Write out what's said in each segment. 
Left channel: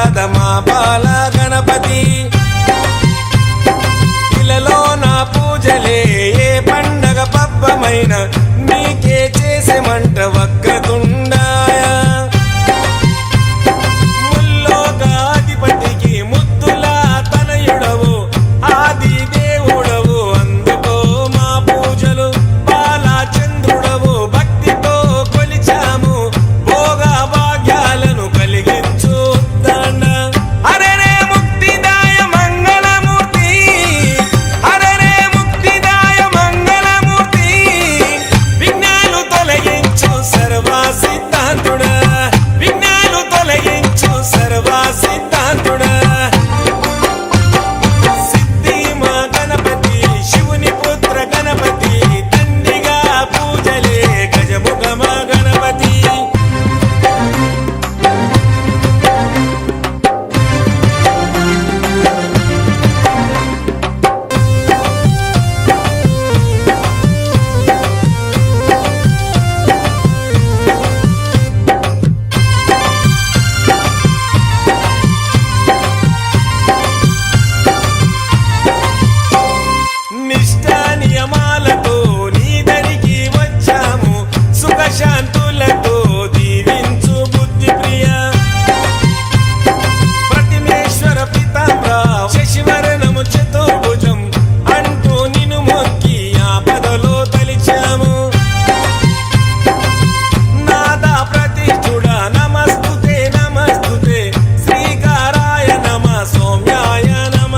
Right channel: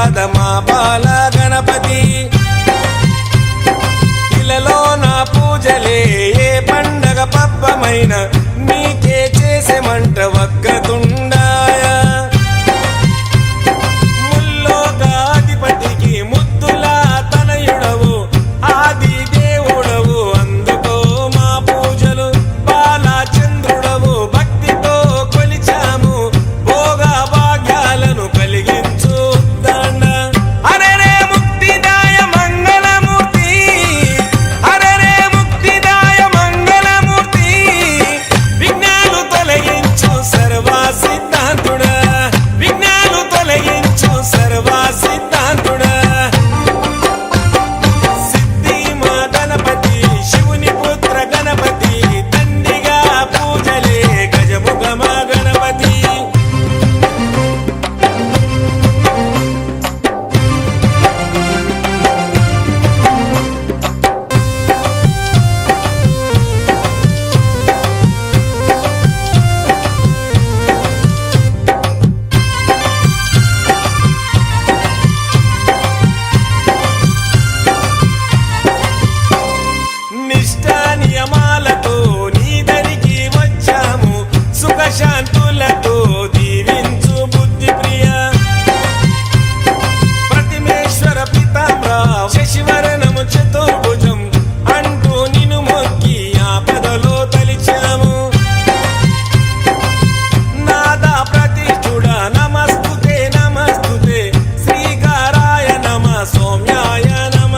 రాధ మా బాల గణపతి ఇలలో నా పూజలే ఏ పండగ పబ్బమైన నీకే చేసేమంట వక్రతుండాయ ముల్లోకాధిపతికి ముద్దుల తనయుడవు ఆది దేవుడవు అందుకో మా పూజలు బాలచంద్రుడవు భక్తితో కొలిచాము భోగ భాగ్యాలను కలిగించు దండ అరే రే ముక్తిదాయ మంగళమూర్తి అరే రే ముక్తిదాయ మంగళమూర్తి విఘ్నాలు తొలగించు సర్వ సిద్ధాంతుడా విఘ్నాలు తొలగించు సర్వ సిద్ధాంతుడా సిద్ధి మా గణపతి శివుని పుత్ర గణపతి దండిగా పూజలే గజముఖ మా గణపతి నిష్ఠా నియమాలతో నీ దరికి వచ్చాము సుఖశాంతులతో దీవించు బుద్ధి ప్రియ ప్రతిమేశ్వర పితామ్ర శశివరణము చతుర్భుజం అంటూ నిన్ను మొక్కి ఆపదలో తలిచాము నాదా ప్రతిష్ఠుడ నమస్తుతే నమస్తుతే శ్రీకారాయ నమ సౌమ్యాయ నమ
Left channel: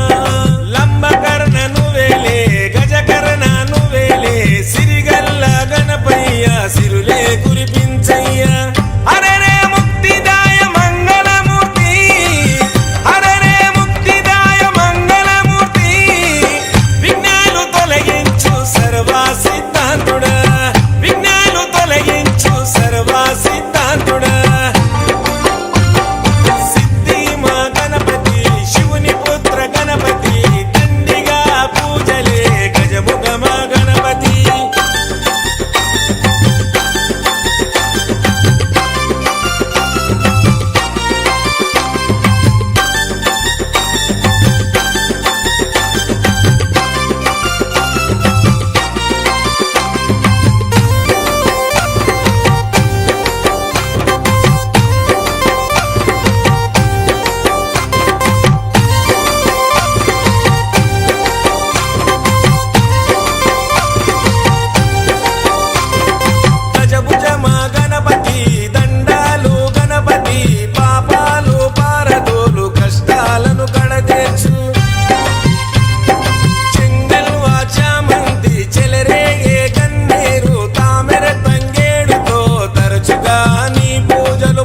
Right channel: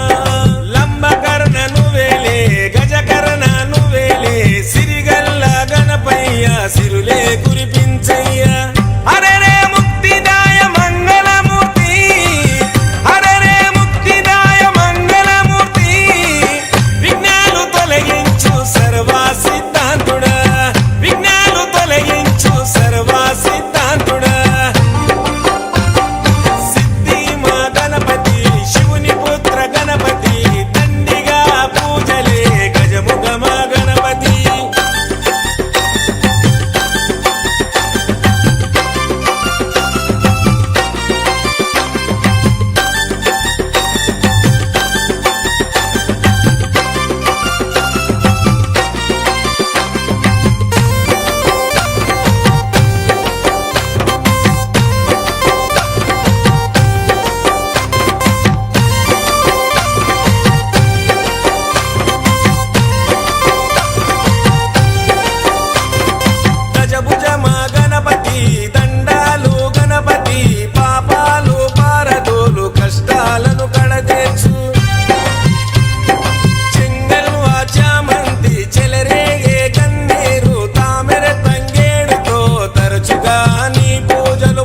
లంబకర్ణ నువ్వేలే గజకర్ణ నువ్వేలే సిరిగల్ల గణపయ్య సిరులే కురిపించయ్య అరే రే ముక్తిదాయ మంగళమూర్తి అరే రే ముక్తిదాయ మంగళమూర్తి విఘ్నాలు తొలగించు సర్వ సిద్ధాంతుడా విఘ్నాలు తొలగించు సర్వ సిద్ధాంతుడా సిద్ధి మా గణపతి శివుని పుత్ర గణపతి దండిగా పూజలే గజముఖ మా గణపతి గజభుజ మా గణపతి దండాలు గణపతి పాపాలు పారదోలు కష్టాలను కడతీర్చు చెంగల్వా చామంతి చెలరేగే గన్నేరు తామెర తంగేడుతో తరచుగా నీ పూజలు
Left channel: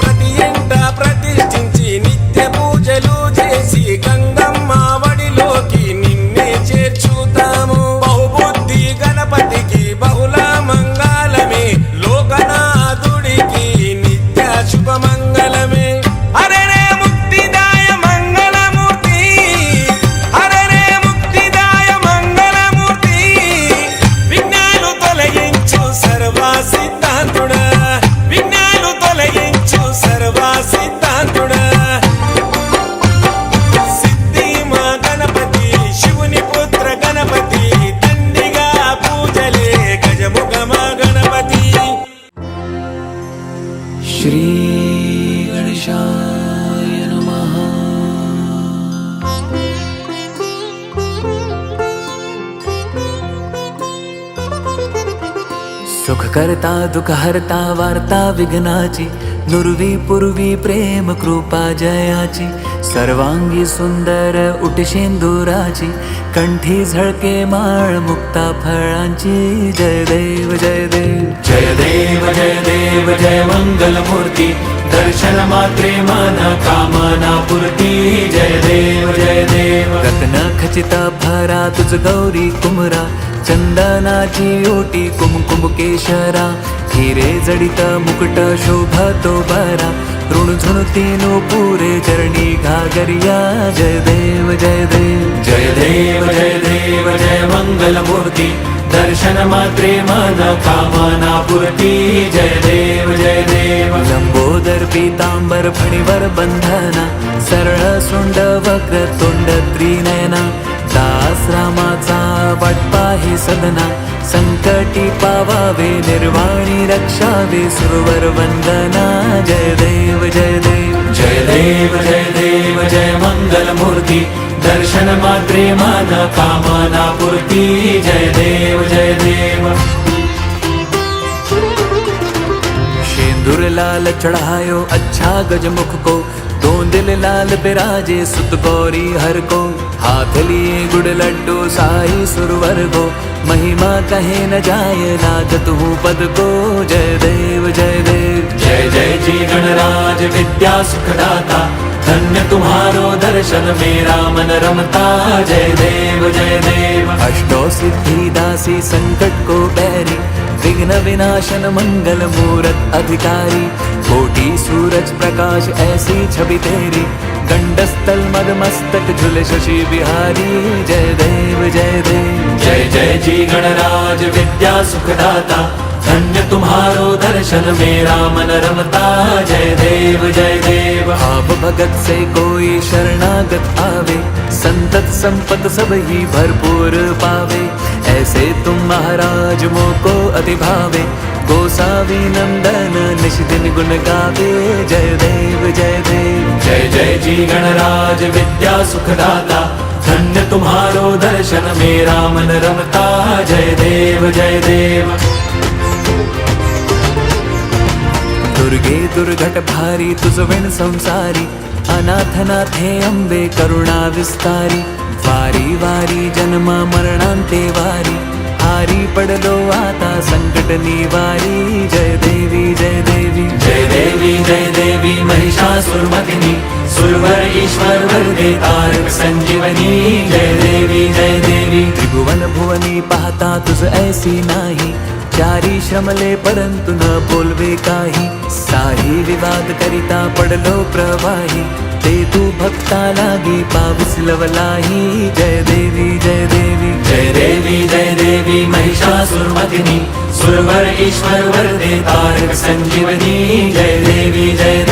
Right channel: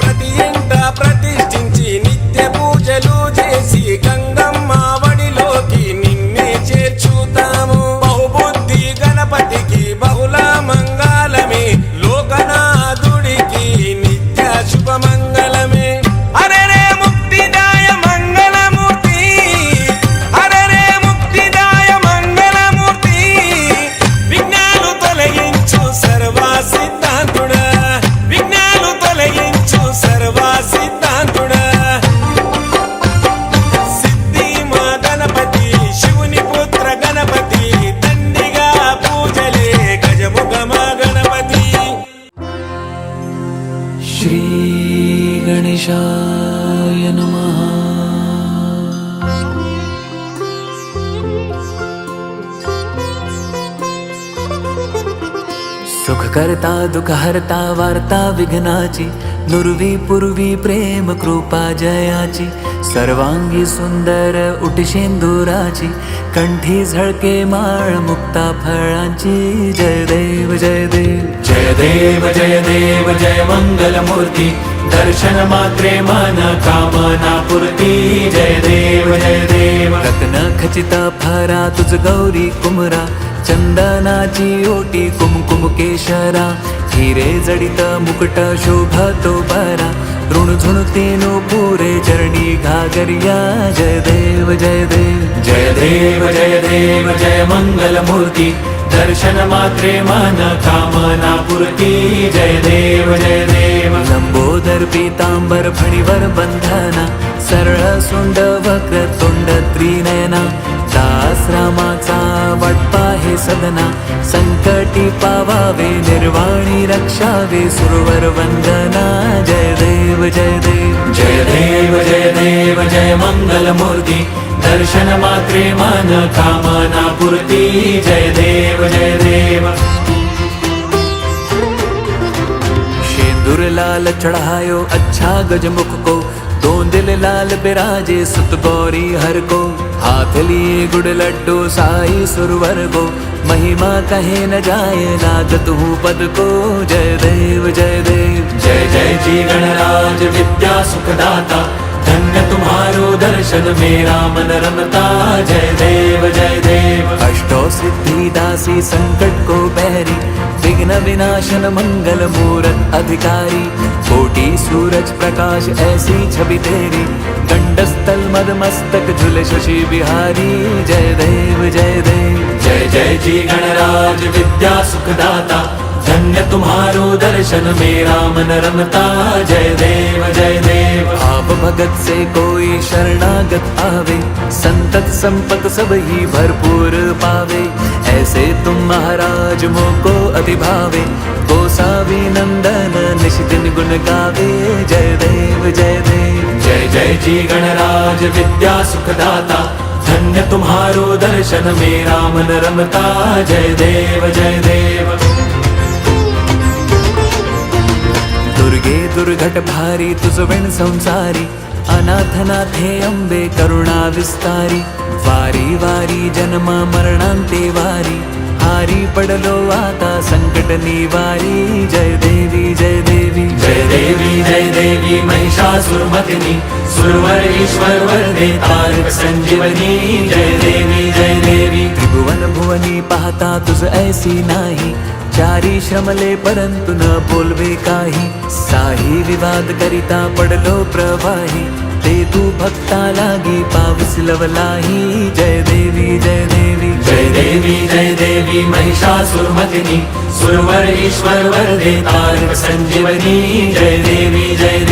ప్రతి ఇంట ప్రతిష్ఠించి నిత్య పూజలు చేసి గంగమ్మ వడిలోకి నిన్నే చేర్చుతాము బహుబుద్ధి గణపతికి బహుళ మంగళమే లోకనాథుడికి నిత్య శుభమంగళమే అరే రే ముక్తిదాయ మంగళమూర్తి అరే రే ముక్తిదాయ మంగళమూర్తి విఘ్నాలు తొలగించు సర్వ సిద్ధాంతుడా విఘ్నాలు తొలగించు సర్వ సిద్ధాంతుడా సిద్ధి మా గణపతి శివుని పుత్ర గణపతి దండిగా పూజలే గజముఖ మా గణపతి శ్రీ గణేశాయ నమః सुख करता दुख हरता वार्ता विघ्नाची नुरवी पूर्वी प्रेम कृपा जयाची सर्वांगी सुंदर उटशेंदुराची कंठी झळके माळ मुक्ता फळांची जय देव जय देव जय देव जय देव जय मंगल मूर्ती दर्शन मात्रे मन कामना पूर्ती जय देव जय देव रत्न खचित भरा तुझ गौरी कुमरा चंदनाची ओटी कुमकुम केशरा हिरे जडित मुकुट शोभतो बरा ऋणझुणतीनो पुरे चरणी घागरिया जय देव जय देव जय देव जय देव जय मंगल मूर्ती दर्शन मात्रे मन कामना पूर्ती जय देव लंबोदर पितांबर पीतांबर फणीवर बंधना सरळ सोंड वक्र तोंड त्रिनयना दास रामाचा वाटपा हे सदना संकटी पावावे निर्वाणी रक्षावे सुरवर वंदना जय देव जय देव जय देव जय देव जय मंगल मूर्ती दर्शन मात्रे मान कामना पूर्ती जय देव जय देव शेंदूर लाल चढ़ायो अच्छा गजमुख को दो दिल लाल बिराजे सुत गौरी हर को हाथ लिए गुड़ लड्डू साई सुरवर को महिमा कहे न जाए लागत हूँ पद को जय देव जय देव जय जय जी गणराज विद्या सुखदाता धन्य तुम्हारो दर्शन मेरा मन रमता जय देव अष्टो सिद्धि दासी संकट को बैरी विघ्न विनाशन मंगल मूरत अधिकारी कोटि सूरज प्रकाश ऐसी छवि तेरी गंडस्थल मद मस्तक झुले शशि बिहारी जय देव जय देव जय जय जी गणराज विद्या सुखदाता धन्य तुम्हारो दर्शन मेरा मन रमता जय देव आप भगत से कोई शरणागत आवे संतत संपत सब ही भरपूर पावे ऐसे तुम महाराज मोको अति भावे गोसावी नंदन निशिदिन गुण गावे जय देव जय देव जय जय जी गणराज विद्या सुखदाता धन्य तुम्हारो दर्शन मेरा मन रमता जय देव दुर्गे दुर्घट भारी तुझ विण संसारी अनाथनाथे अंबे करुणा विस्तारी वारी वारी जन्म मरणांते वारी हारी पडलो आता संकट निवारी जय देवी जय देवी जय देवी जय देवी महिषासुरमर्दिनी सुरवर ईश्वर वरदे तारक संजीवनी जय देवी त्रिभुवन भुवनी पाहता तुझ ऐसी नाही चारी श्रमले परंतु न बोलवे काही साही विवाद करिता पडलो प्रवाही ते तू भक्ता लागी पाविस लवलाही जय देवी जय देवी जय देवी जय देवी महिषासुरमर्दिनी सुरवर ईश्वर वरदे तारक संजीवनी जय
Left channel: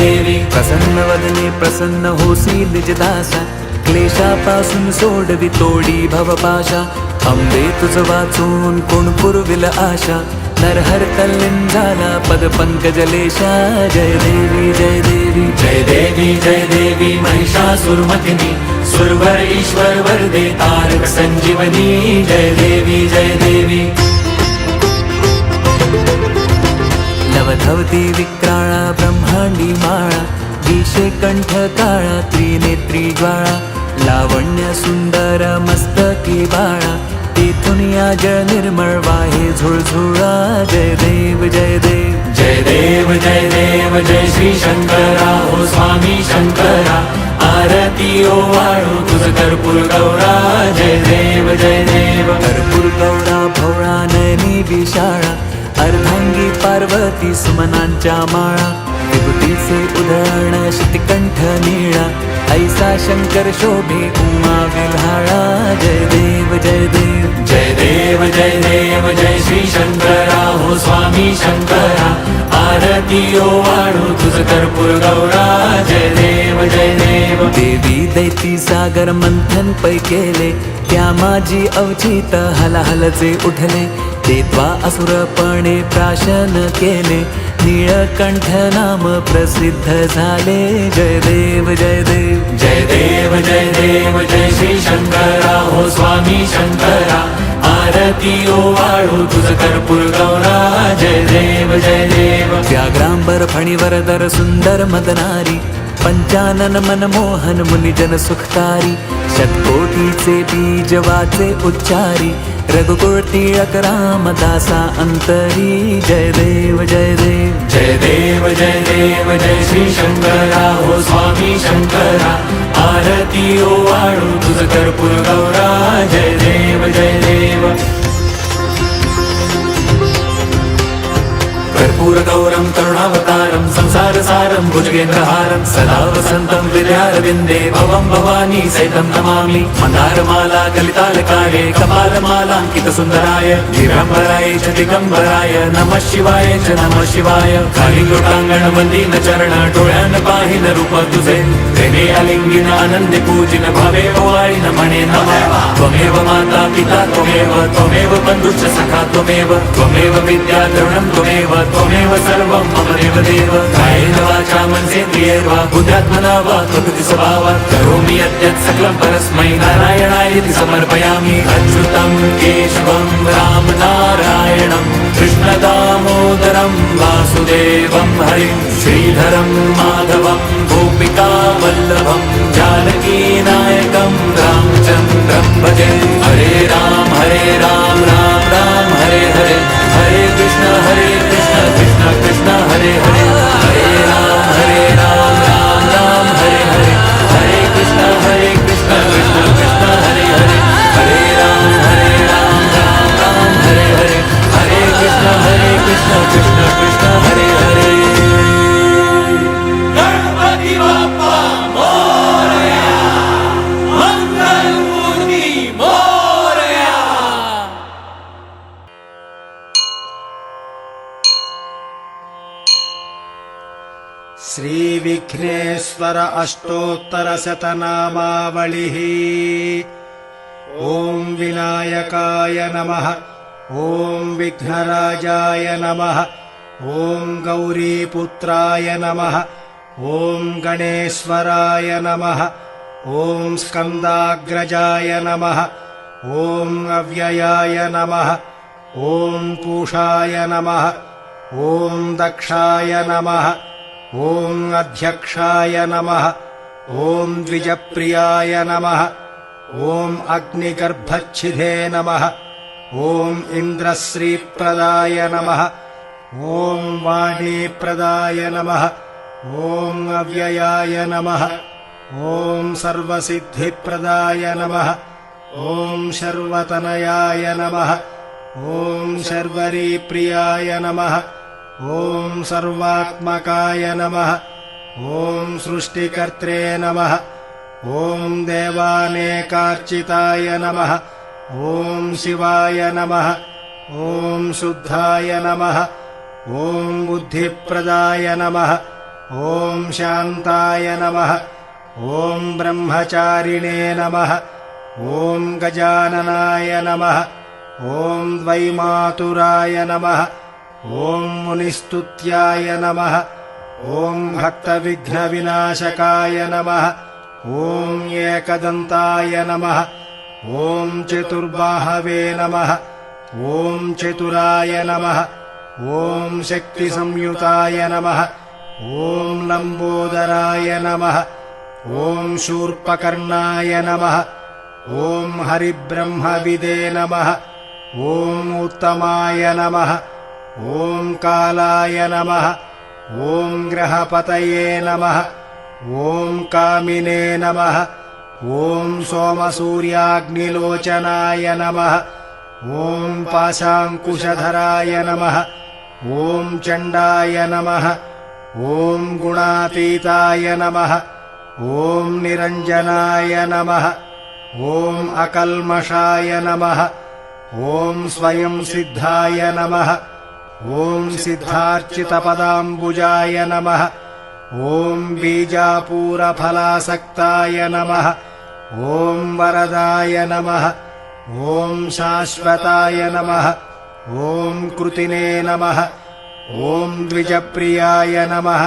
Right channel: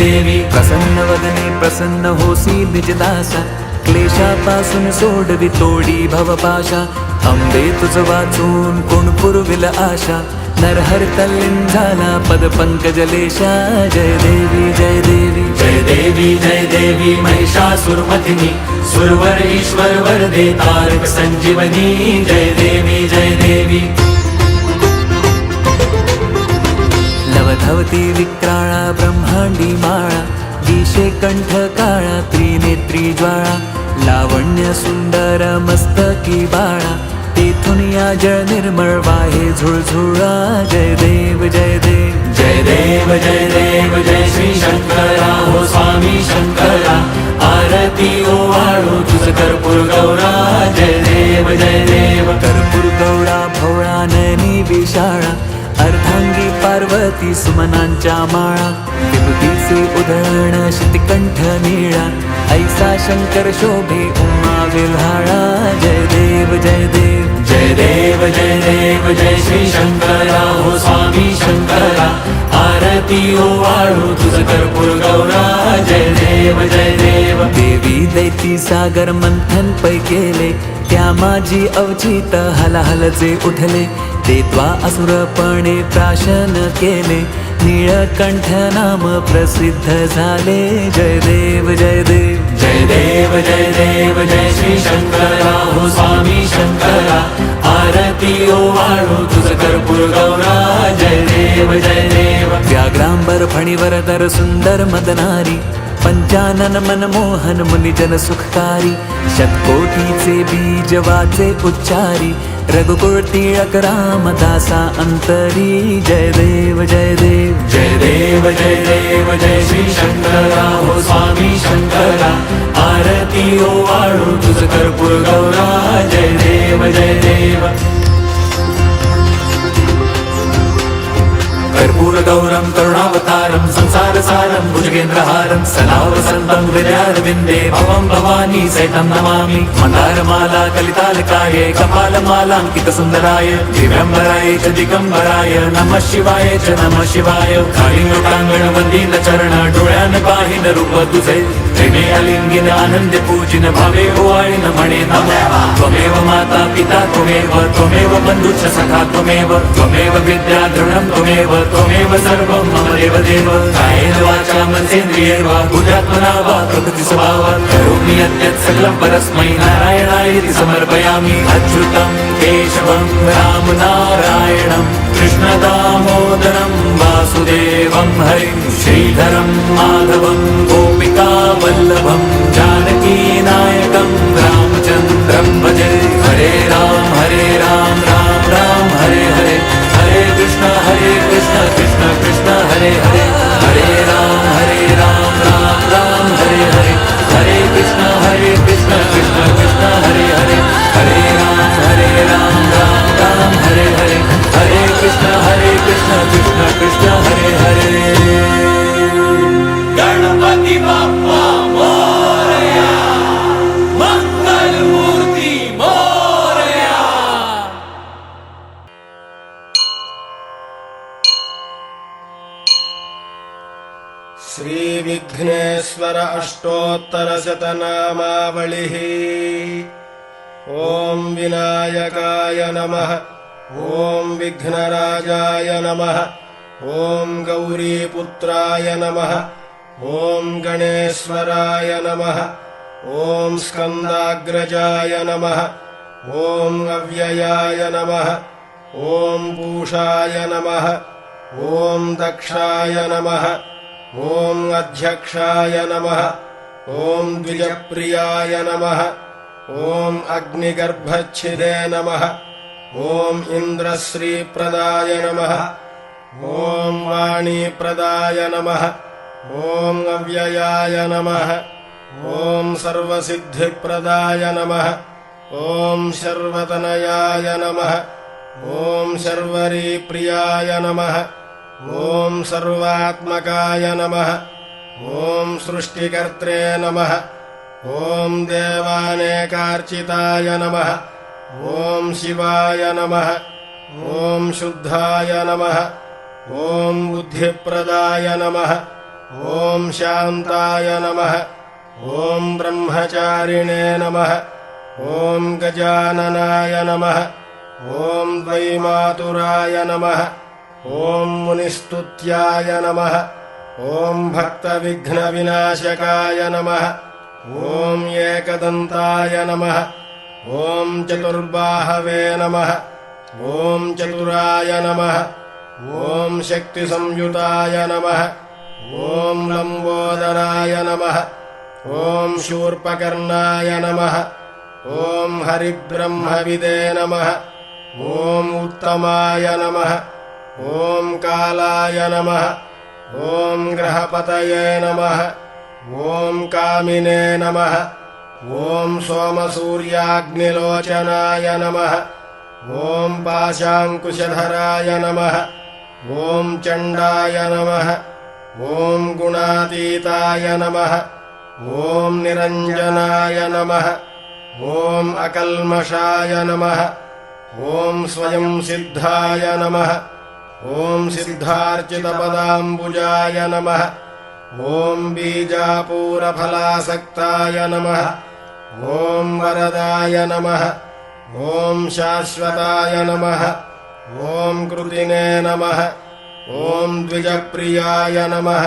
देवी प्रसन्न वदने प्रसन्न होसी निजदासा क्लेशापासून सोडवी तोडी भवपाशा अंबे तुझ वाचून कोण पुरविल आशा नरहर तल्लीन झाला पद पंकजलेशा जय देवी जय देवी जय देवी जय देवी महिषासुरमर्दिनी सुरवर ईश्वर वरदे तारक संजीवनी जय देवी लवधवती विक्राळा ब्रह्मांडी माळा दिशे कंठ काळा त्रिनेत्री ज्वाळा लावण्य सुंदर मस्तकी बाळा तेथून या जळ निर्मळ वाहे झुळझुळा जय देव जय देव जय देव जय देव जय श्री शंकरा हो स्वामी शंकरा आरती ओवाळू तुझ कर्पूर गौरा जय देव कर्पूर गौरा भोळा नयनी विशाळा अर्धांगी पार्वती सुमनांच्या माळा विभूतीचे उधळण शितिकंठ निळा ऐसा शंकर शोभे उमा विल्हाळा जय देव जय देव जय देव जय देव जय श्री शंकरा हो स्वामी शंकरा आरती ओवाळू तुझ कर्पूर गौरा जय देव देवी दैती सागर मंथन पै केले त्या माझी अवचित हलाहलचे उठले ते त्वा असुरपणे प्राशन केले नीळकंठ नाम प्रसिद्ध झाले जय देव जय देव जय देव जय देव जय श्री शंकरा हो स्वामी शंकरा आरती ओवाळू तुझ कर्पूर गौरा जय देव व्याघ्रांबर फणीवर दर सुंदर मदनारी पंचानन मनमोहन मुनिजन सुखकारी शतकोटीचे बीज वाचे उच्चारी रघुकुळ टिळक रामदासा अंतरी जय देव जय देव जय देव जय देव जय श्री शंकरा हो स्वामी शंकरा आरती ओवाळू तुझ कर्पूर गौरा जय देव कर्पूरगौरं करुणावतारं संसारसारं भुजगेन्द्रहारं सदा वसन्तं हृदयारविन्दे भवं भवानी सहितं नमामि। मन्दारमाला कलितालकार्ये कपालमालाङ्कितसुन्दराय दिव्यम्बराय च दिगम्बराय नमः शिवाय च नमः शिवाय। कालिङ्गोटाङ्गण वन्दीन चरण डोळ्यान पाहिन रूप तुझे प्रेमे अलिंगिन आनंदे पूजिन भावे ओवाळिन म्हणे नमः। त्वमेव माता पिता त्वमेव बन्धुश्च सखा त्वमेव विद्या द्रविणं त्वमेव सर्वं मम देवदेव। कायेन वाचा मनसेन्द्रियैर्वा बुद्ध्यात्मना वा प्रकृतिस्वभावात् करोमि यद्यत् सकलं परस्मै नारायणायेति समर्पयामि। अच्युतं केशवं राम नारायणं कृष्णदामोदरं वासुदेवं हरिं श्रीधरं माधवं गोपिका वल्लभं जानकीनायकं रामचन्द्रं भजे। हरे राम राम राम हरे हरे हरे कृष्ण कृष्ण कृष्ण हरे हरे हरे राम राम राम हरे हरे हरे कृष्ण कृष्ण कृष्ण हरे हरे हरे राम राम राम हरे हरे हरे कृष्ण कृष्ण कृष्ण हरे हरे। गणपति बाप्पा मोरया, मंगल मूर्ति मोरया। श्री विघ्नेश्वर अष्टोत्तरशतनामावलिः। ओम विनायकाय नमः, ओम विघ्नराजाय नमः, ओम गौरीपुत्राय नमः, ओम गणेश्वराय नमः, ओम स्कंदाग्रजाय नमः, ओम अव्ययाय नमः, ओम पूषाय नमः, ओम दक्षाय नमः, ओम अध्यक्षाय नमः, ओम द्विजप्रियाय नमः, ओम अग्निगर्भच्छिदे नमः, ओम इन्द्रश्रीप्रदाय नमः, ओम वाणीप्रदाय नमः, ओम अव्ययाय नमः, ओम सर्वसिद्धिप्रदाय नमः, ओम शर्वतनयाय नमः, ओम शर्वरीप्रियाय नमः, ओम सर्वात्मकाय नमः, ओम सृष्टिकर्त्रे नमः, ओम देवानेकार्चिताय नमः, ओम शिवाय नमः, ओम शुद्धाय नमः, ओम बुद्धिप्रदाय नमः, ओम शान्ताय नमः, ओम ब्रह्मचारिणे नमः, ओम गजाननाय नमः, ओम वैमातुराय नमः, ओम मुनिस्तुत्याय नमः, ओम भक्तविघ्नविनाशकाय नमः, ओम एकदन्ताय नमः, ओम चतुर्बाहवे नमः, ओम चतुराय नमः, ओम शक्तिसंयुताय नमः, ओम लंबोदराय नमः, ओम शूर्पकर्णाय नमः, ओम हरिब्रह्मविदे नमः, ओम उत्तमाय नमः, ओम कालाय नमः, ओम ग्रहपतये नमः, ओम कामिने नमः, ओम सोमसूर्याग्निलोचनाय नमः, ओम पाशाङ्कुशधराय नमः, ओम चण्डाय नमः, ओम गुणातीताय नमः, ओम निरञ्जनाय नमः, ओम अकल्मषाय नमः, ओम स्वयं सिद्धाय नमः, ओम सिद्धार्चितपदाम्बुजाय नमः, ओम बीजापूरफलासक्ताय नमः, ओम वरदाय नमः, ओम शाश्वताय नमः, ओम कृतिने नमः, ओम द्विजप्रियाय नमः,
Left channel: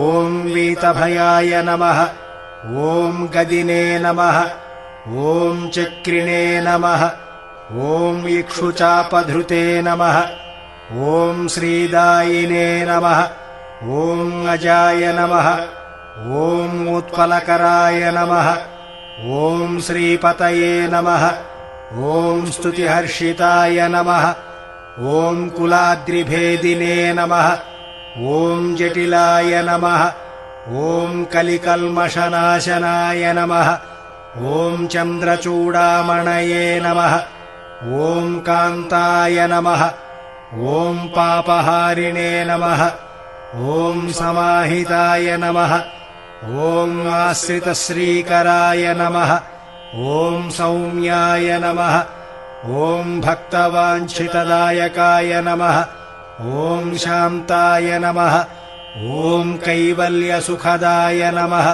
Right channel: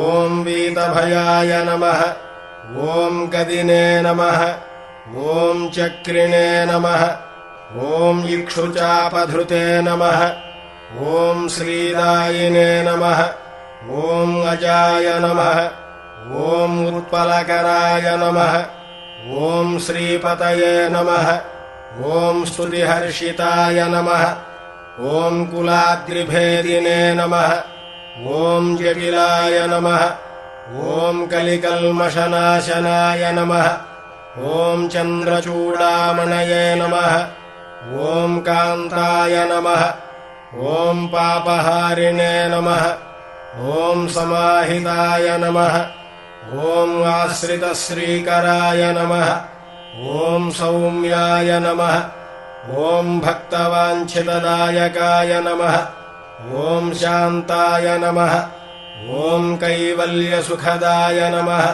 ओम वीतभयाय नमः, ओम गदिने नमः, ओम चक्रिणे नमः, ओम इक्षुचापधृते नमः, ओम श्रीदायिने नमः, ओम अजाय नमः, ओम उत्पलकराय नमः, ओम श्रीपतये नमः, ओम स्तुतिहर्षिताय नमः, ओम कुलाद्रिभेदिने नमः, ओम जटिलाय नमः, ओम कलिकल्मषनाशनाय नमः, ओम चन्द्रचूडामणये नमः, ओम कान्ताय नमः, ॐ पापहारिणे नमः ॐ समाहिताय नमः ॐ आश्रितश्रीकराय नमः ॐ सौम्याय नमः ॐ भक्तवाञ्छितदायकाय नमः ॐ शान्ताय नमः ॐ कैवल्यसुखदाय नमः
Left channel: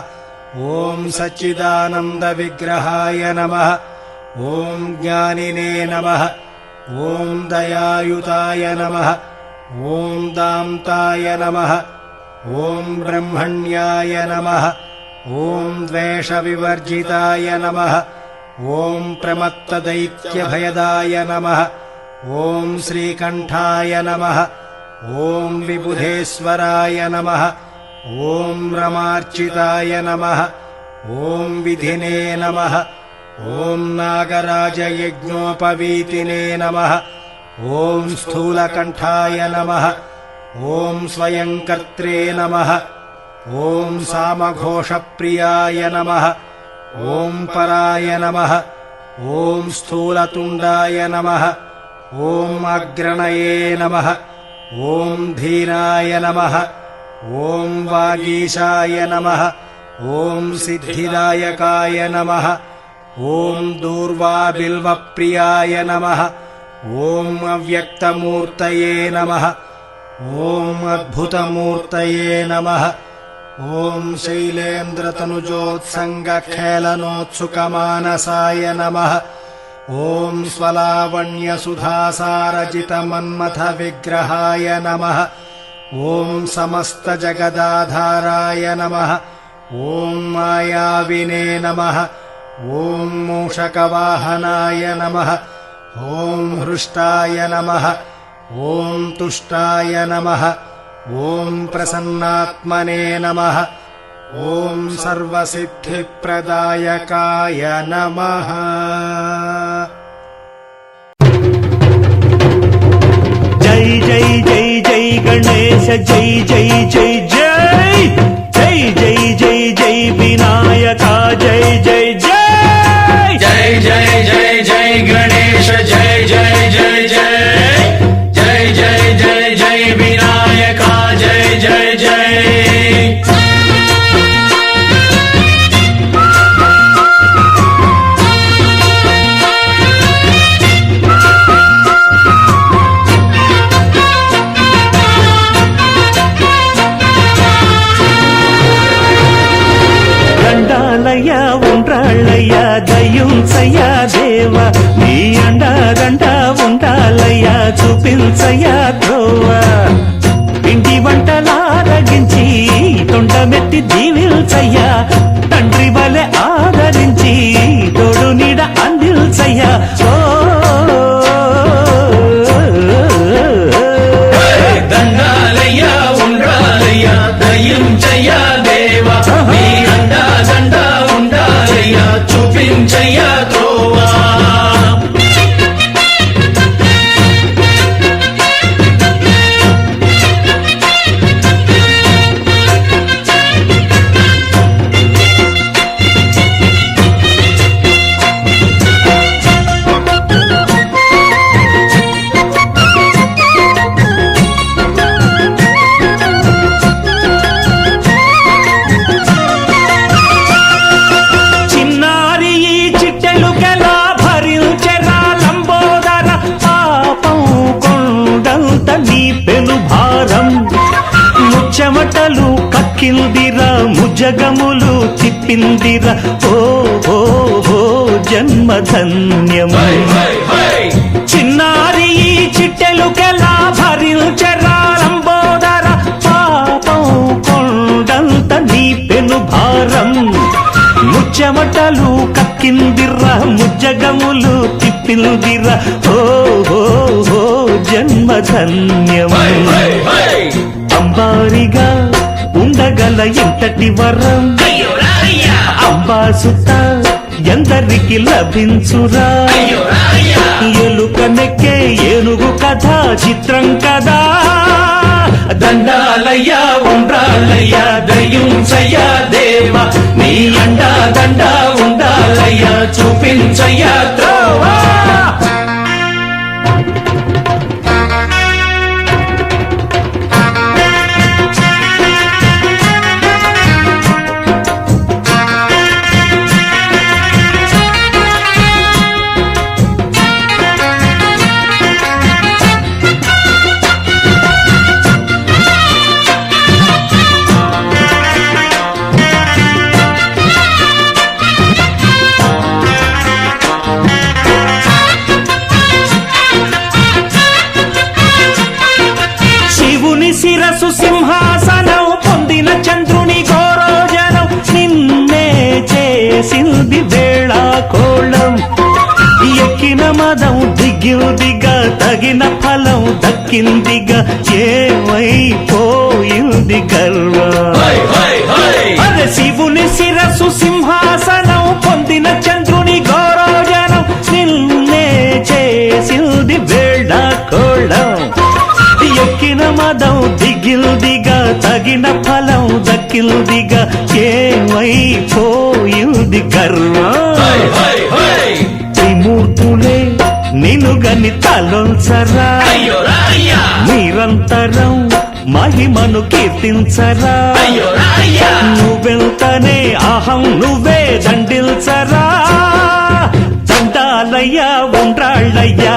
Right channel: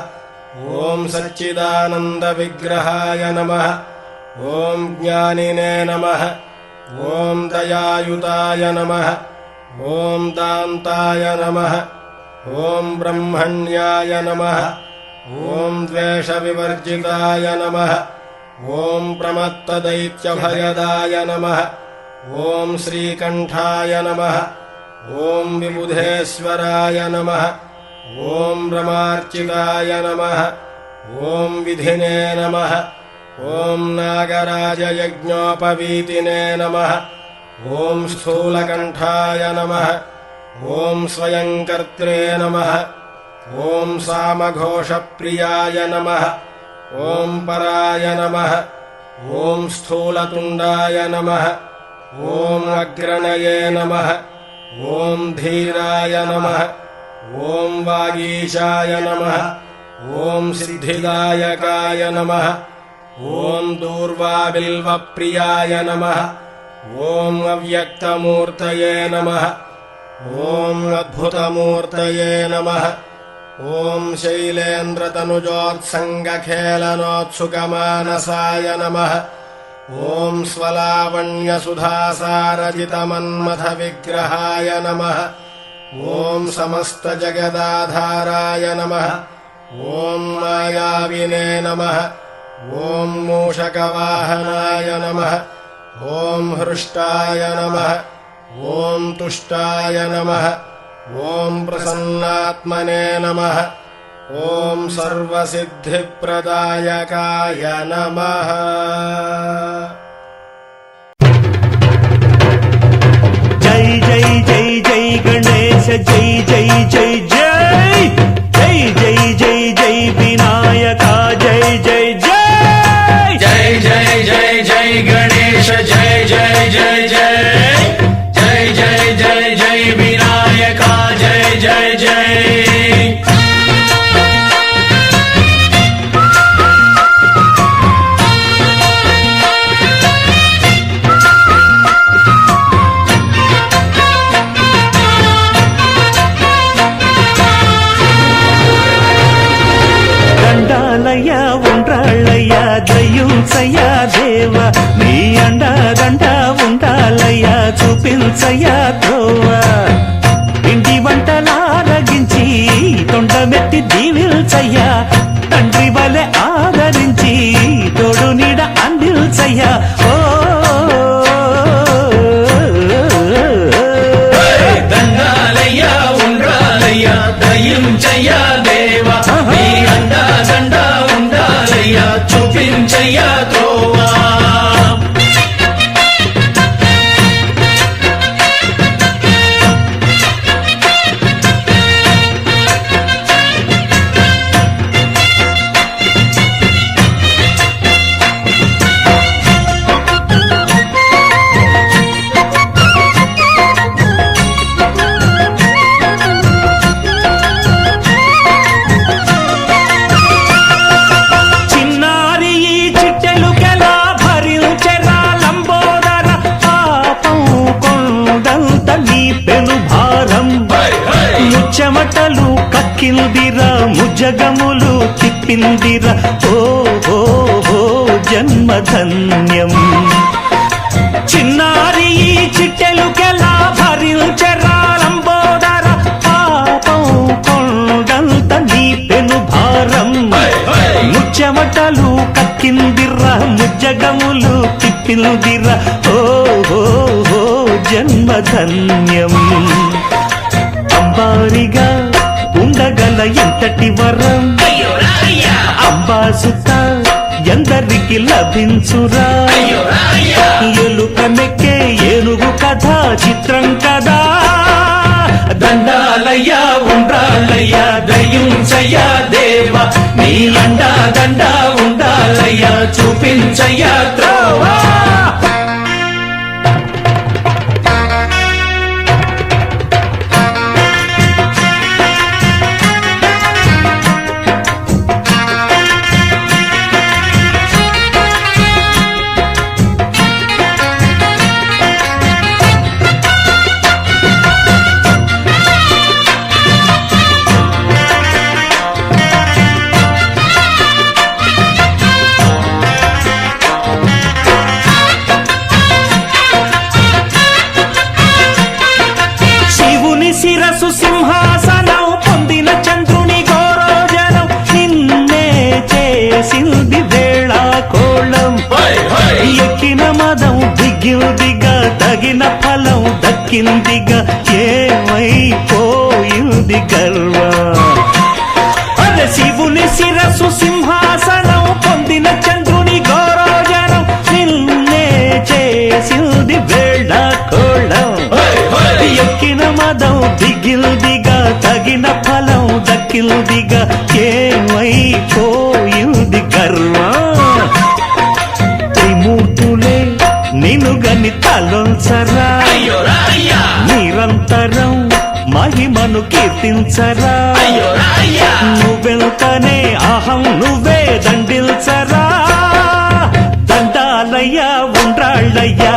ॐ सच्चिदानन्दविग्रहाय नमः ॐ ज्ञानिने नमः ॐ दयायुताय नमः ॐ दान्ताय नमः ॐ ब्रह्मण्याय नमः ॐ द्वेषविवर्जिताय नमः ॐ प्रमत्तदैत्यभयदाय नमः ॐ श्रीकण्ठाय नमः ॐ विबुधेश्वराय नमः ॐ रमार्चिताय नमः ॐ विधिने नमः ॐ नागराजयज्ञोपवीतिने नमः ॐ स्थूलकण्ठाय नमः ॐ स्वयंकर्त्रे नमः ॐ सामघोषप्रियाय नमः ॐ पराय नमः ॐ स्थूलतुण्डाय नमः ॐ अग्रणये नमः ॐ धीराय नमः ॐ वागीशाय नमः ॐ सिद्धिदायकाय नमः ॐ दूर्वाबिल्वप्रियाय नमः ॐ अव्यक्तमूर्तये नमः ॐ अद्भुतमूर्तये नमः ॐ शैलेन्द्रतनुजोत्सङ्गखेलनोत्सुकमानसाय नमः ॐ स्वलावण्यसुधासारचितमन्मथविग्रहाय नमः ॐ समस्तजगदाधाराय नमः ॐ मायाविने नमः ॐ मूषकवाहनाय नमः ॐ हृष्टाय नमः ॐ तुष्टाय नमः ॐ प्रसन्नात्मने नमः ॐ सर्वसिद्धिप्रदायकाय नमः। जय जय जय जय गणेश जय जय जय जय जय जय जय जय विनायका जय जय जय जय जय जय जय गणेश जय जय जय जय जय जय जय जय विनायका जय जय जय। దండాలయ్యా ఉండ్రాళ్ళయ్యా దయ్యుంచయ్యా దేవ నీ అండదండ ఉండాలయ్యా చూపించయ్యా ధ్రువ ఇంటి వంటలారగించి తొండమెత్తి దీవిల్చయ్యా తండ్రి వలె ఆదరించి తోడు నీడ అందిల్చయ్యా ఓ దండాలయ్యా ఉండ్రాలయ్యా దయ్యుంచయ్యా దేవ నీ అండా దండ ఉండాలయ్యా చూపించయ్యా త్రోవా చెమటలు కక్కిందిరా ముజగములు తిప్పిందిరా ఓ ఓ ఓ జన్మధన్యం చిన్నారి ఈ చిట్టెలుకెలా భరించెరా లంబోదర పాపం కొండంత నీ పెను భారం ముచ్చెమటలు కక్కిందిరా ముజ్జగములు తిప్పిందిరా ఓ ఓ ఓ జన్మధన్యం అంబారిగా ఉండగల ఎంతటి వరం అంబాసుత ఎందరికి లభించురా ఎలుక నెక్కే ఏనుగు కథ చిత్రం కదా దండాలయ్యా ఉండాలయ్యా దయ్యుంచయ్యా దేవ నీ అండా దండ ఉండాలయ్యా చూపించయ్యా త్రోవా దిగిందిగా తగిన ఫలం దక్కిందిగా ఏమైపోయింది గర్వం అరే శివుని శిరస్సు సింహాసనం పొందిన చంద్రుని గౌరవజనం నిన్నే చేసింది వేళ కోళం ఎక్కిన మదం దిగిల్దిగా తగిన ఫలం దక్కిల్దిగా ఏమైపోయింది గర్వం త్రిమూర్తులే నిన్ను గని తలొల్చరా నిరంతరం మహిమను కీర్తించరా నువ్వెంతనే అహం నువ్వే దండిల్చరా దండాలయ్యా ఉండ్రాళ్ళయ్యా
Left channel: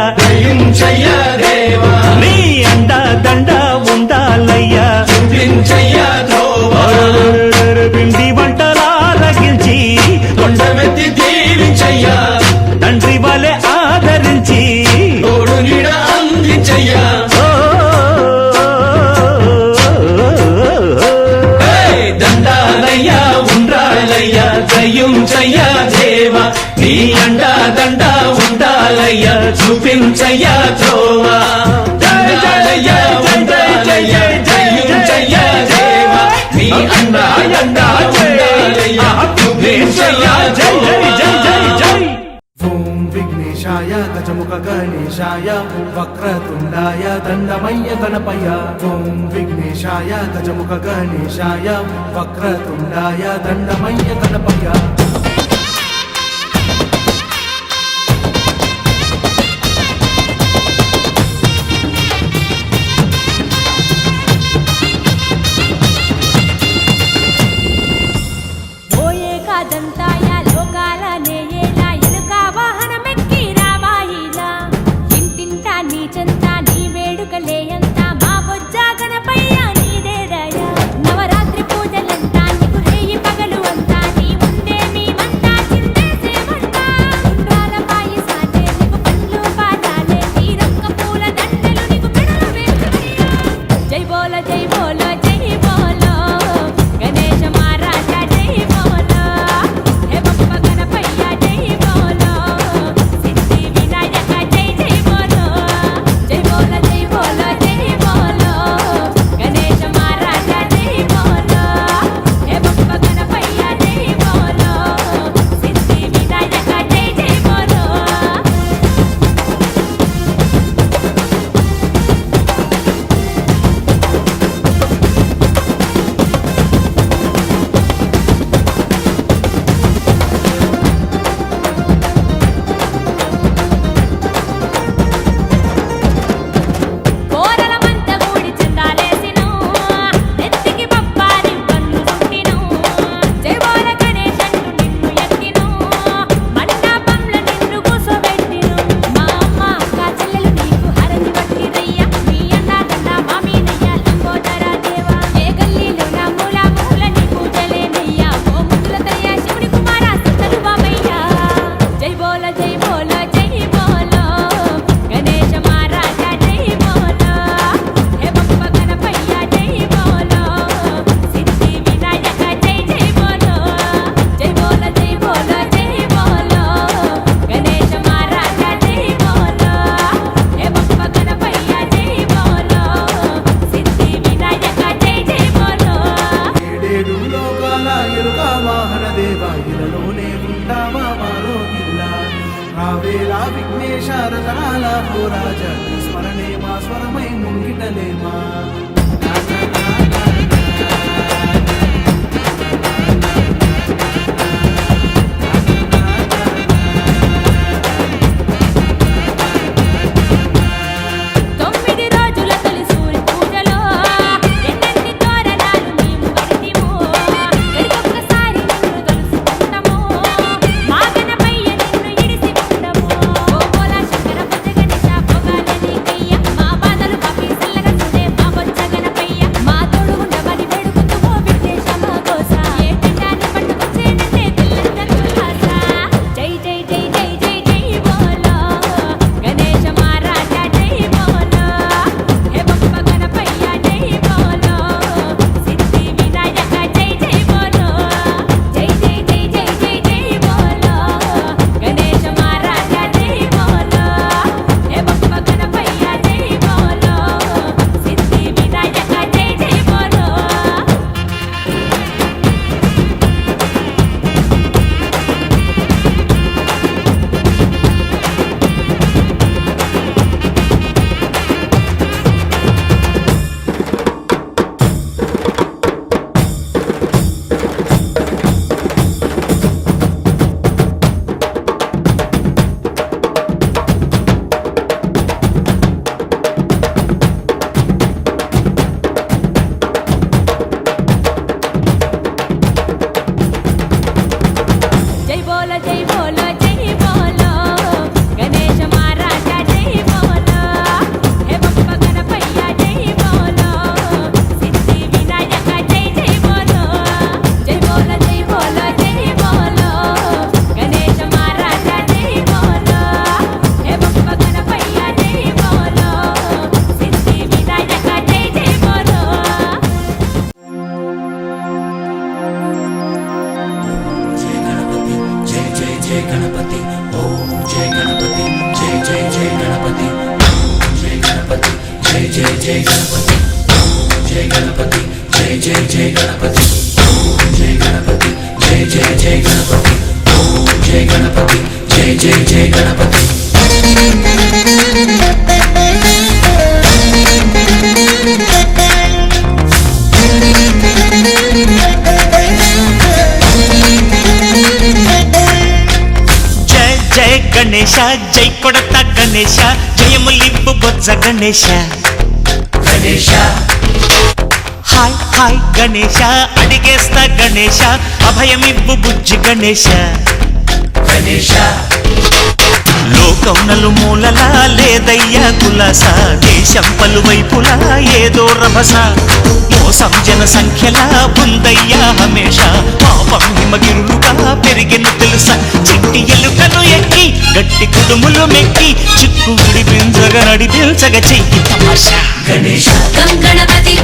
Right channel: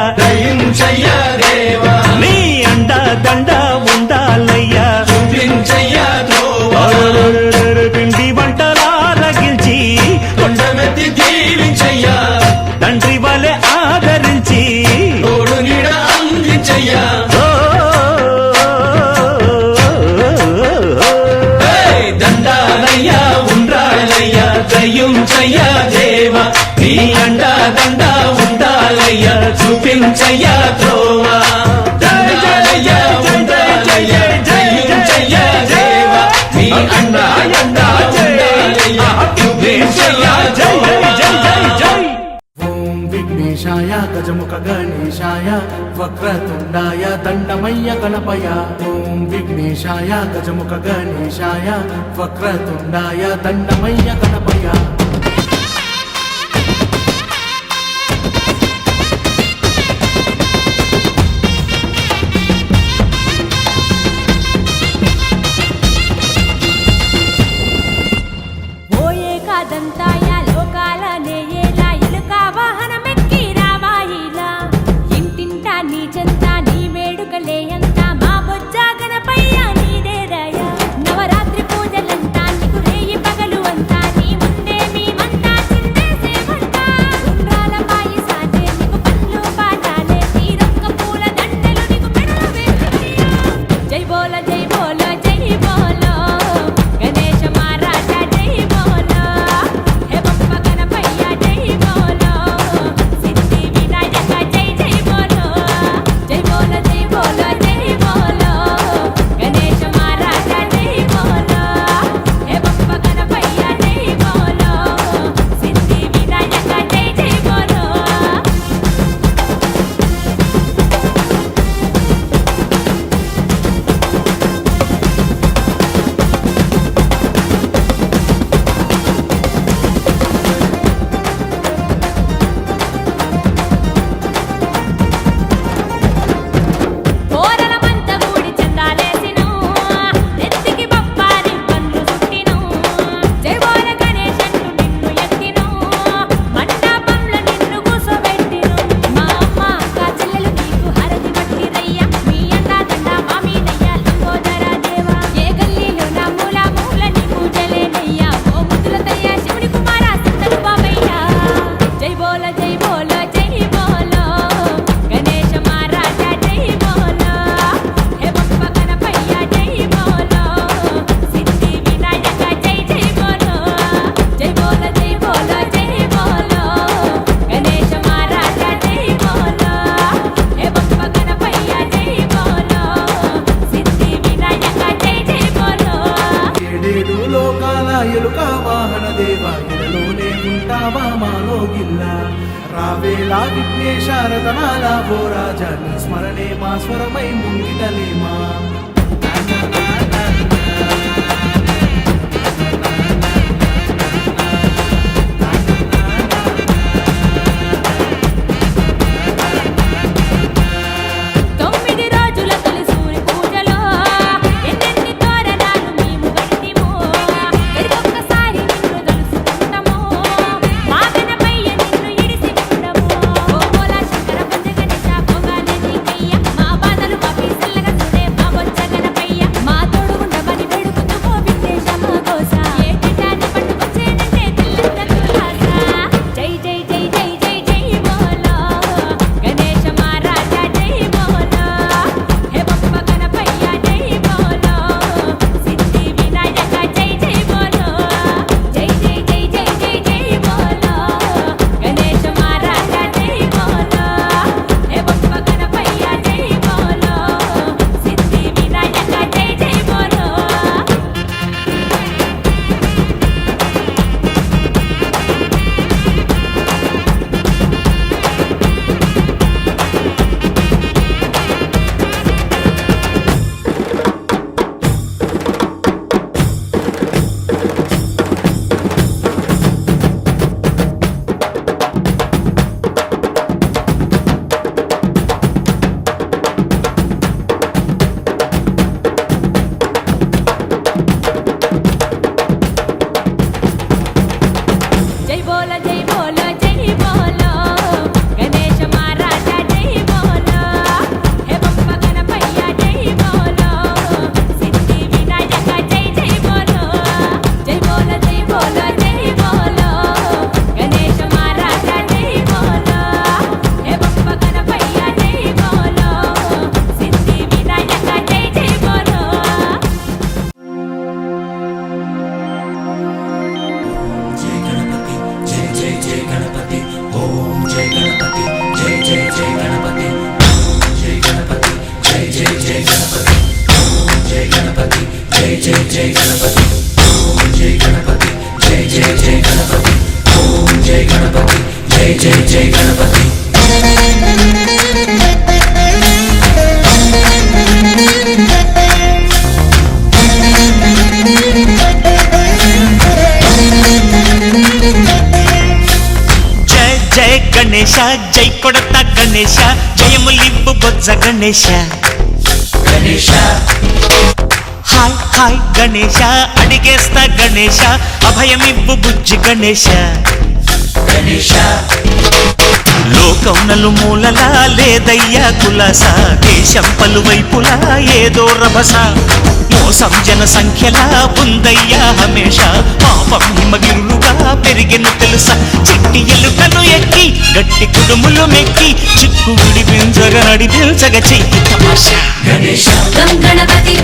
నీ అండా దండ ఉండాలయ్యా పిండి వంటలారగించి కొండమెత్తి దీవించయ్యా తండ్రి వలె ఆదరించి తోడు నీడ అందించయ్యా దండాలయ్యా ఉండాలయ్యా దయ్యుంచయ్యా దేవా నీ అండా దండ ఉండాలయ్యా చూపించయ్యా త్రోవా దండాలయ్యా ఉండాలయ్యా దయ్యుంచయ్యా దేవా నీ అండా అండా ఉండాలయ్యా చూపించయ్యా జై జై జై జై జై ఓం విఘ్నేశాయ గజముఖ గణేశాయ వక్రతుండాయ దండమయ్య గణపయ ఓం విఘ్నేశాయ గజముఖ గణేశాయ వక్రతుండాయ దండమయ్య గణపయ ఓయే కాదంతాయ లోకాల నేయేలా ఎలుక వాహనమెక్కి రావాయిలా ఇంటింటా నీ చెంత నీ వేడుకలే అంత మా బొజ్జా గణపయ్య నీదేదయా నవరాత్రి పూజలంతా నీకు రేయి పగలు అంతా నీ ముందే మేమంతా చిందేసేమంటా ఉండ్రాల పాయసాలే నీకు పండ్లు పాదాలే తీరొక్క పూల దండలు నీకు మెడలు వేసుకయ్యా జై బోలో జై బోలో జై బోలో గణేశ మహారాజా జై బోలో హే బప్ప గణపయ్య జై బోలో సిద్ధి వినాయక జై జై బోలో జై బోలో జై బోలో జై బోలో గణేశ మహారాజా జై బోలో హే బప్ప గణపయ్య జై బోలో సిద్ధి వినాయక జై జై బోలో కోరల మంత గూడి చందాలేసిను నెత్తికి బొప్పారి పన్ను సుట్టిను జై బోల గణేష్ అంటూ నిన్ను ఎత్తిను మండపంలో నిన్ను కూసోబెట్టిను మా అమ్మ అక్క చెల్లెలు నీకు హరతి పట్టిరయ్యా మీ అండా దండ మా మీదయ్యా లంబోదర దేవా ఏ గల్లీలో నా మూల మూల నీ పూజలేనయ్యా ఓ ముద్దులతయ్యా శివుని కుమార సిద్ధలు బాబయ్యా జై బోల జై బోల జై బోలో గణేశ మహారాజా జై బోలో హే బప్ప గణపయ్య జై బోలో సిద్ధి వినాయక జై జై బోలో జై బోల జై బోలో జై బోలో గణేశ మహారాజా జై బోలో హే బప్ప గణపయ్య జై బోలో సిద్ధి వినాయక జై జై బోలో ఏడేడు లోకాల ఎలుక వాహన దేవ ఎలలోనే ఉంటావా మాలోగిల్లా రావేలా విఘ్నేశ రతనాల పోరాజ నీ స్మరణే మా స్వరమై ముంగిటలేమా తొమ్మిది రోజుల తొలి సూర్య పూజలో ఎన్నెన్ని తోరణాలు మేము గడితిమో గడికొక్కసారి నిన్ను తలుసుకుంటాము మా గణపయ్య నిన్ను ఇడిసి ఉండము ఓ బోలా శంకర బొజ్జ గణేశ భోగాలే నీకయ్య మా బాధలు మాపి చల్లగా చూడే మా గణేశ జై కొడత గణేశ జయములివ్వు బొజ్జ గణేశ హాయ్ హాయ్ గణేశ అడిగేస్తా గణేశ అభయమివ్వు బుజ్జి గణేశ లోకం నలుమూలలా లేదయ్యా కులాస దేశం పలువైపులా ఏదో రభస మోసం జన సంఖ్యలా ఉందయ్యా హమేష పాపం హిమగిరులుగా పెరిగెను తెలుసా చిట్టి ఎలుకను ఎక్కి గట్టి కుడుములు మెక్కి చిక్కు విడిపించగ నడిపించగ చెయ్యి తమాషా గం గణపతి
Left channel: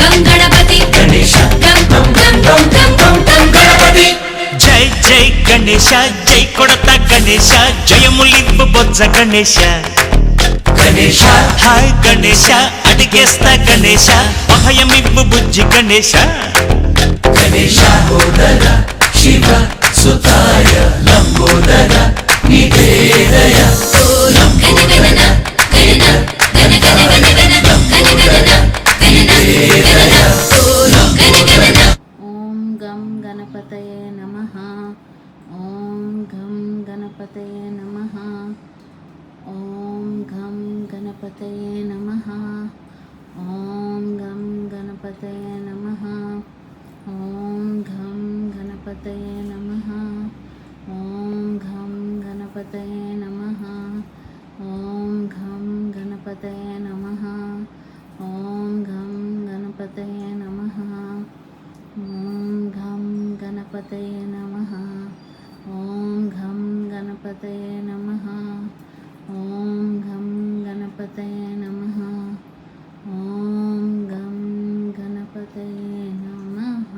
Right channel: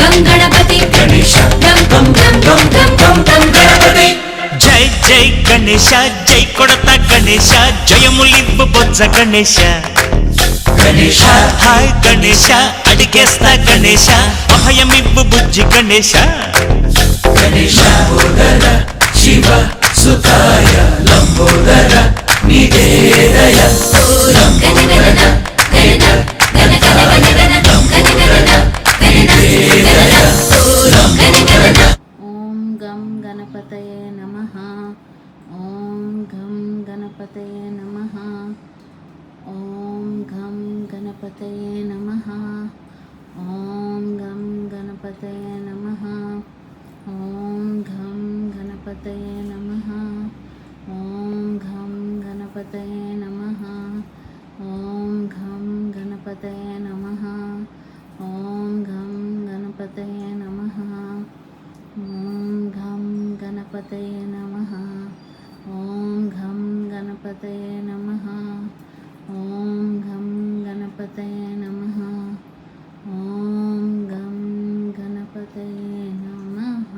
గం గణపతి గం గం గం గం గం గం గం గణపతి జై జై గణేశ జై కొడత గణేశ జయములివ్వు బొజ్జ గణేశ హాయ్ గణేశ అడిగేస్తా గణేశ అభయమివ్వు బుజ్జి గణేశ శివ సుతాయ లంబోదర నివేదయ గణ గణన గణన గణ గణ గణ గణ గణ గణన గణన గణన గణ గణన ఓం గం గణపతయే నమః ఓం గం గణపతయే నమః ఓం గం గణపతయే నమః ఓం గం గణపతయే నమః ఓం గం గణపతయే నమః ఓం గం గణపతయే నమః ఓం గం గణపతయే నమః ఓం గం గణపతయే నమః ఓం గం గణపతయే నమః ఓం గం గణపతయే నమః ఓం గం గణపతయే నమః ఓం గం గణపతయే నమః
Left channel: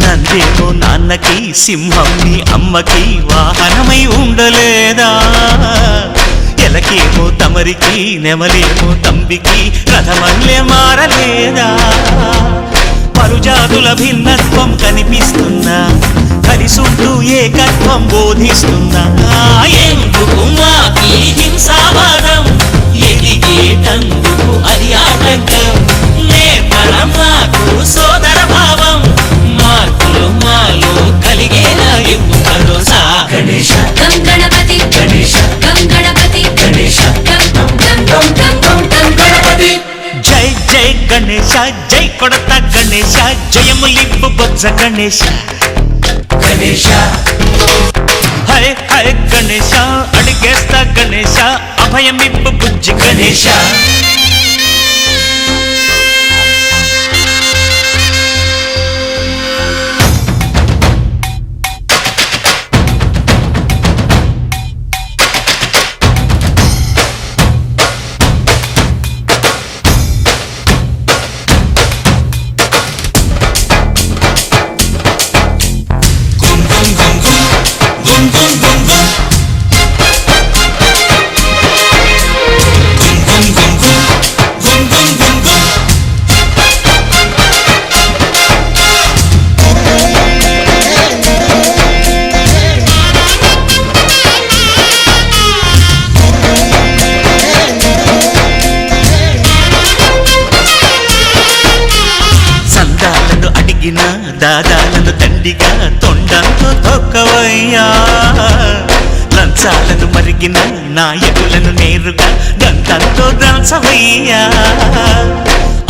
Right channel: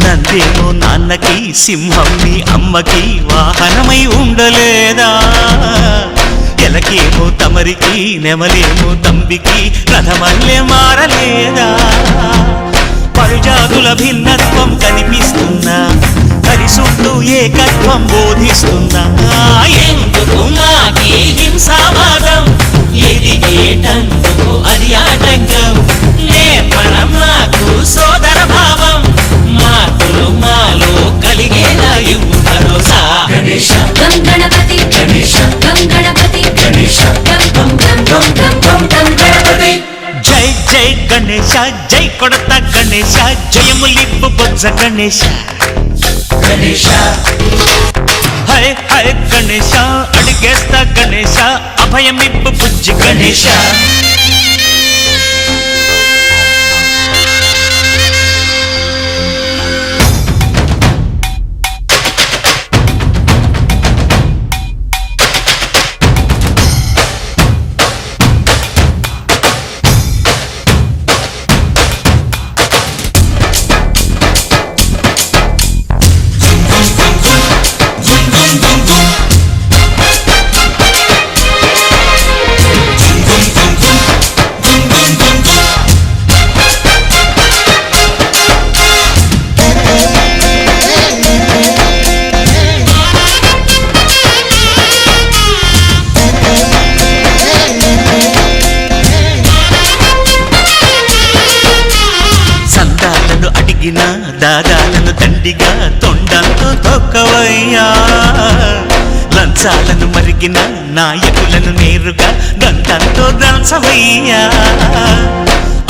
నందేమో నాన్నకి సింహం నీ అమ్మకి వాహనమై ఉండలేదా ఎలకేమో తమరికి నెమలేమో తంబికి రథమల్లే మారలేదా పలుజాతుల భిన్నత్వం కనిపిస్తున్నా కలిసుంటూ ఏకత్వం బోధిస్తున్నా ఎందుకు మాకి హింసావాదం ఎదిగేటందుకు అది ఆటంకం నేపరం నాకు సోదర భావం మార్పులు మాలో కలిగేలా ఇవ్వు భరోసా గం గణపతి గం గణపతి గం గం గం గం గం గం గం గణపతి జై జై గణేశ జై కొడత గణేశ జయములివ్వు బొజ్జ గణేశ హై హై గణేశ అడిగేస్తా గణేశ అభయమివ్వు బుజ్జి గణేశ సందాలను అడిగిన దాదాలను దండిగా తొండంతో తొక్కవయ్యా లంచాలను మరిగిన నాయకులను నేరుగా దంతంతో దంచవయ్యా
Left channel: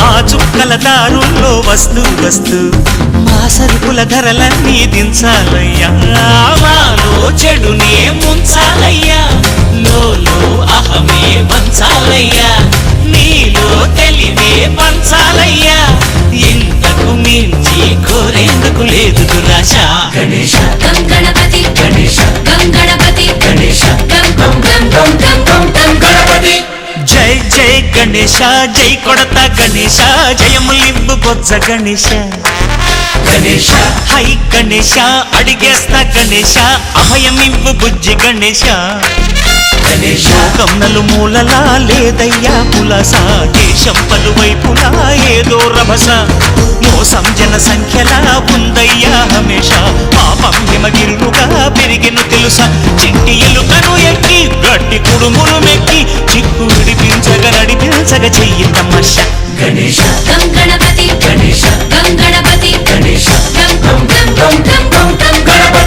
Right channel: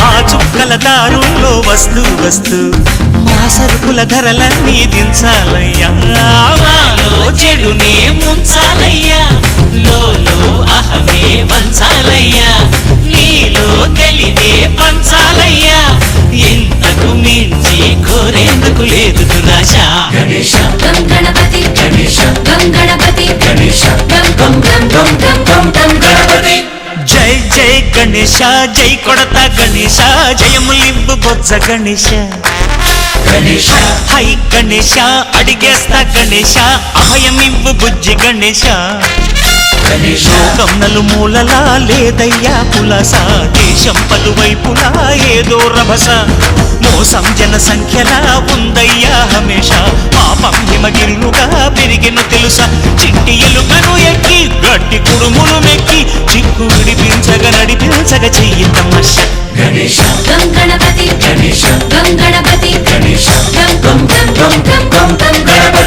ఆ చుక్కల దారుల్లో వస్తూ వస్తూ మా సరుకుల ధరలన్నీ దించాలయ్యా మాలో చెడునే ముంచాలయ్యా లోలో అహమే వంచాలయ్యా నీలో తెలివే పంచాలయ్యా ఇంతకు మించి కోరేందుకు లేదు దురాశ గం గణపతి గం గణపతి గం గం గం గం గం గం గం గణపతి జై జై గణేశ జై కొడత గణేశ జయములివ్వు బొజ్జ గణేశ హై హై గణేశ అడిగేస్తా గణేశ అభయమివ్వు బుజ్జి గణేశ లోకం నలుమూలలా లేదయ్యా పులస దేశం పలువైపులా ఏదో రభస మోసం జన సంఖ్యలా ఉందయ్యా హమేష పాపం హిమగిరులుగా పెరిగెను తెలుసా చిట్టి ఎలుకను ఎక్కి గట్టి కుడుములు మెక్కి చిక్కు విడిపించగ నడిపించగ చెయ్యి తమాషా గం గణపతి గం గణపతి గం గం గం గం గం గం గం గణపతి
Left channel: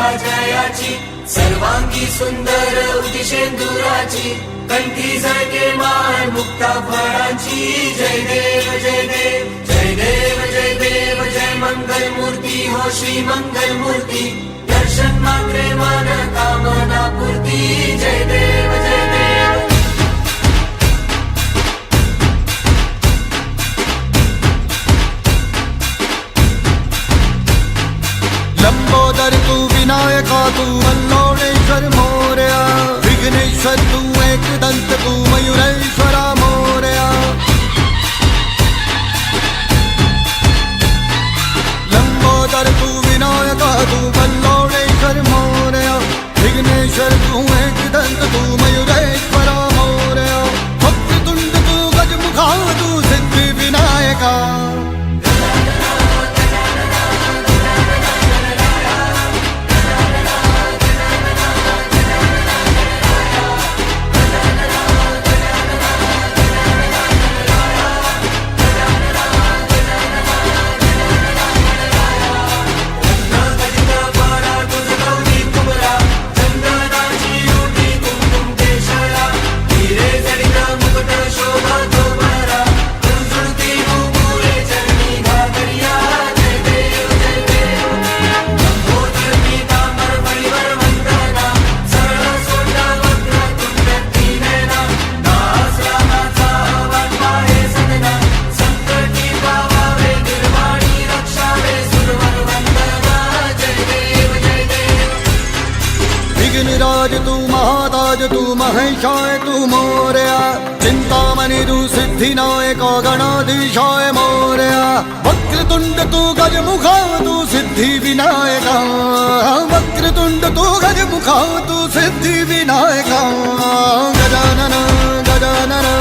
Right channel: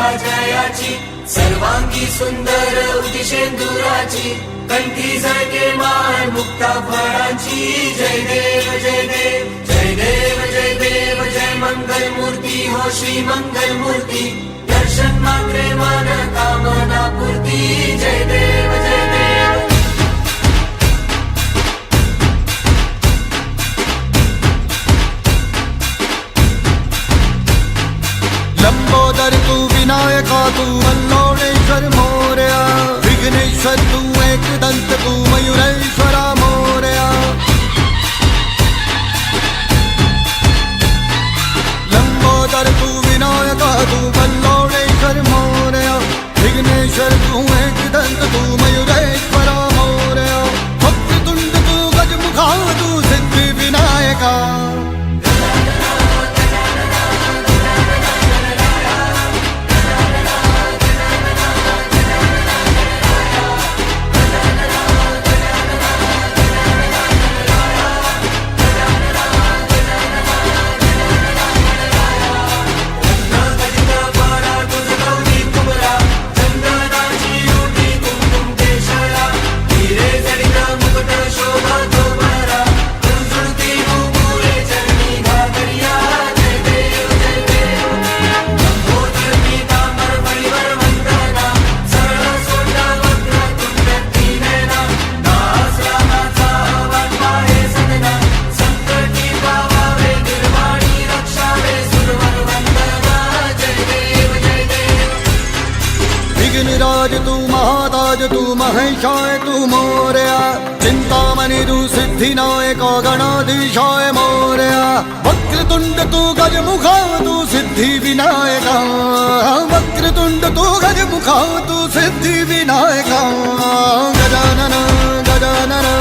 कृपा जयाची सर्वांगी सुंदर उदिशेंदुराची कंठी झळके माळ मुक्ता फळांची जय देव जय देव जय देव जय देव जय मंगल मूर्ती हो श्री मंगल मूर्ती दर्शन मात्रे मन कामना पूर्ती जय देव जय देव लंबोदर तू विनायका तू मल्लोणेश्वर मोरया विघ्नेश्वर तू एकदंत तू मयुरेश्वरा मोरया लंबोदर तू विनायका तू मल्लोणेश्वर मोरया विघ्नेश्वर तू एकदंत तू मयुरेश्वरा मोरया वक्रतुंड तू गजमुखा तू सिद्धी विनायका विघ्नराज तू महाताज तू महेशाय तू मोरया चिंतामणि तू सिद्धिनायक गणाधीशाय मोरया वक्रतुंड तू गजमुखा तू सिद्धि विनायका वक्रतुंड तू गजमुखा तू सिद्धि विनायका गजानन गजानन